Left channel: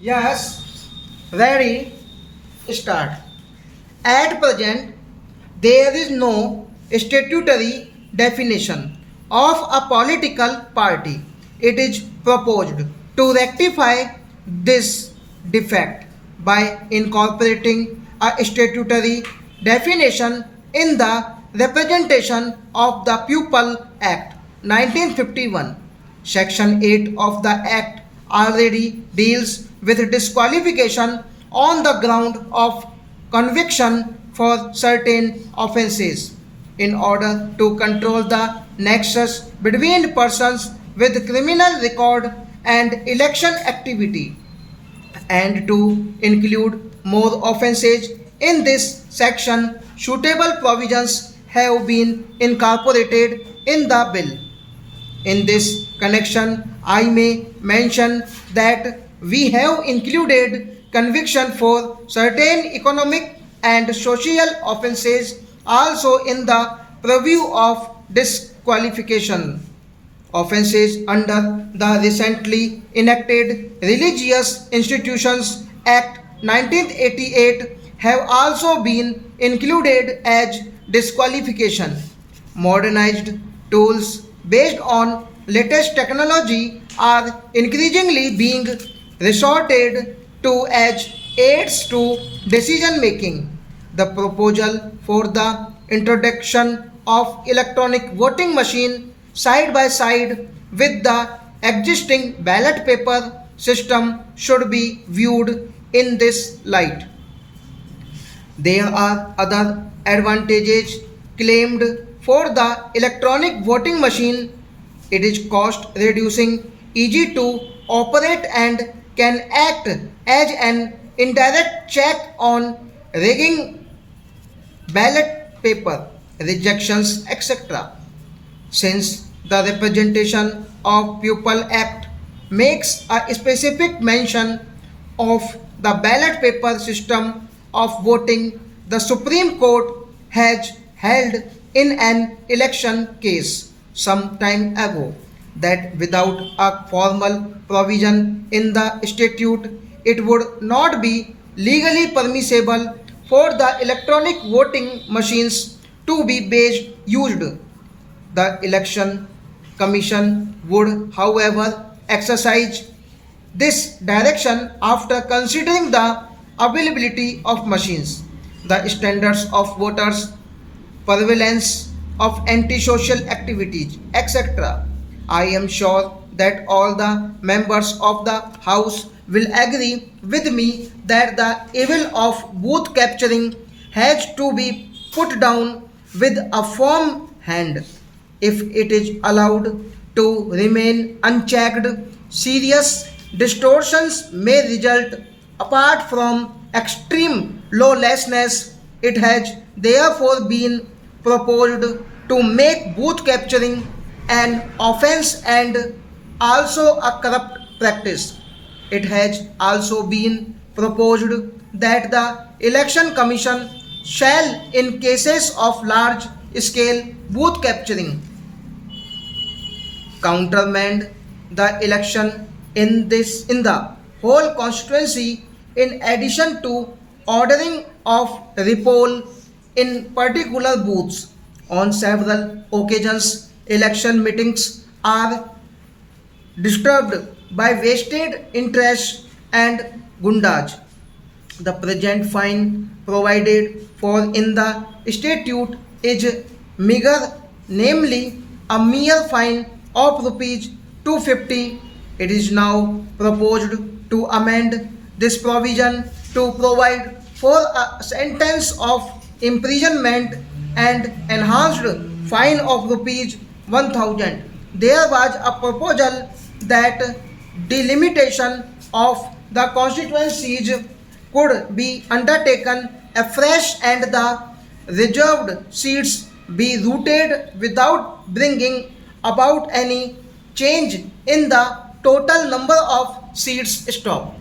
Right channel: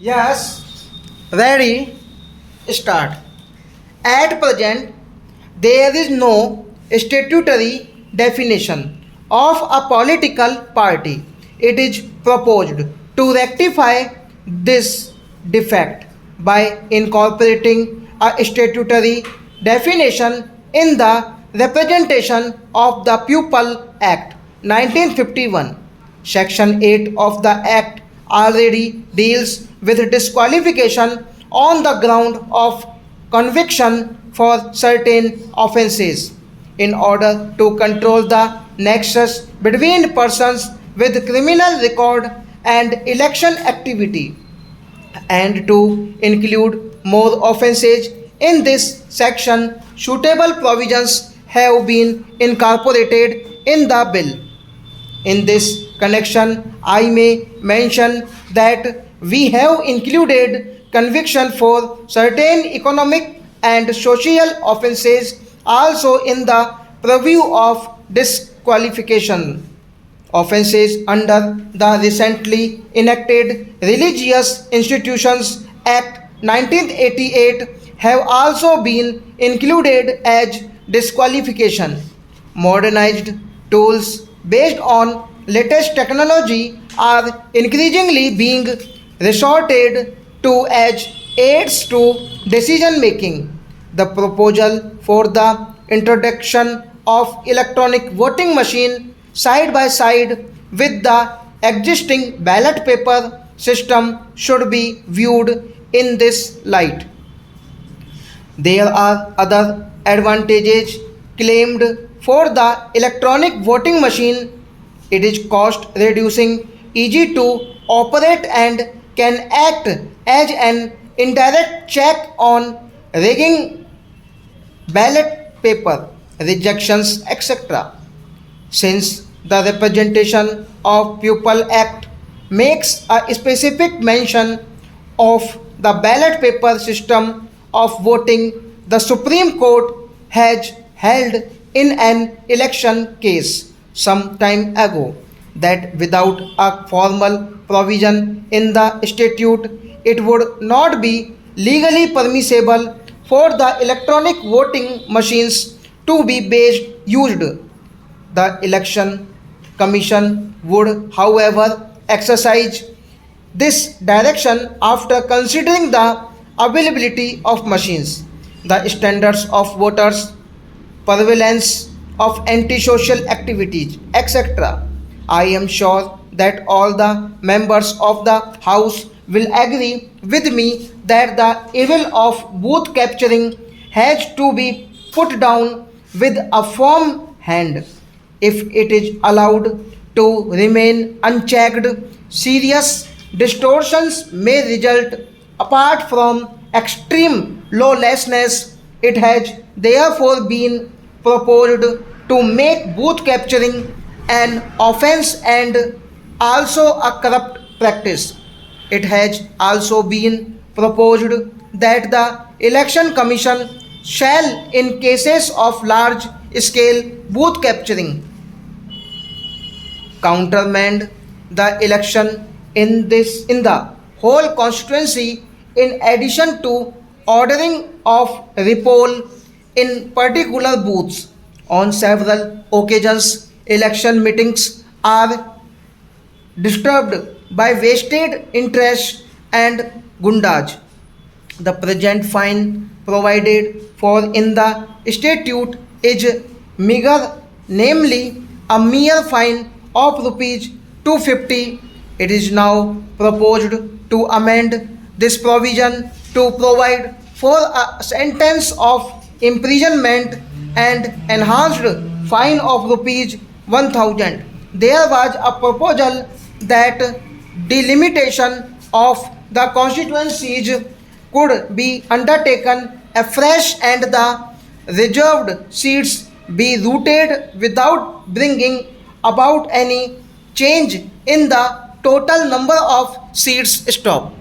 Yes, ready, start. At present, there is no statutory definition of a political party. It is proposed to rectify this defect by incorporating a statutory definition in the Representation of the People Act 1951. Section 8 of the Act already deals with disqualification on the ground of conviction for certain offences. In order to control the nexus between persons with criminal record and election activity, and to include more offences in this section, suitable provisions have been incorporated in the bill. In this connection, I may mention that we have included conviction for certain economic and social offences also in the purview of disqualification. Offences under the recently enacted Religious Institutions Act 1988 have also been included as disqualification. Modernized tools based on latest technology are increasingly being resorted to as aids to decision making. The proposal for the introduction of electronic voting machine side by side with the existing ballot paper system should be viewed in this light. There are other advantages claimed for the electronic voting machine. It is cost reducing, easy to operate, and can act as an indirect check on rigging ballot paper, rejections, etc. Since the Representation of People Act makes a specific mention of the ballot paper system of voting, the Supreme Court has held in an election case some time ago that without a formal provision in the statute, it would not be legally permissible for the electronic voting machines to be based used. The Election Commission would, however, exercise this direction after considering the availability of machines, the standards of voters, prevalence of antisocial activities, etc. I am sure that all the members of the House will agree with me that the evil of booth capturing has to be put down with a firm hand. If it is allowed to remain unchecked, serious distortions may result. Apart from extreme lawlessness, it has therefore been proposed to make booth capturing an offense and also a corrupt practice. It has also been proposed that the Election Commission shall, in cases of large scale booth capturing, countermand the election in the whole constituency in addition to ordering of repoll in particular booths. On several occasions, election meetings are disturbed by vested interests and gundage. The present fine provided for in the statute is meager, namely a mere fine of rupees 250. It is now proposed to amend this provision to provide for a sentence of imprisonment and enhanced fine of rupees 1000. There was a proposal that delimitation of the constituencies could be undertaken afresh and the reserved seats be routed without bringing about any change in the total number of seats. Stop.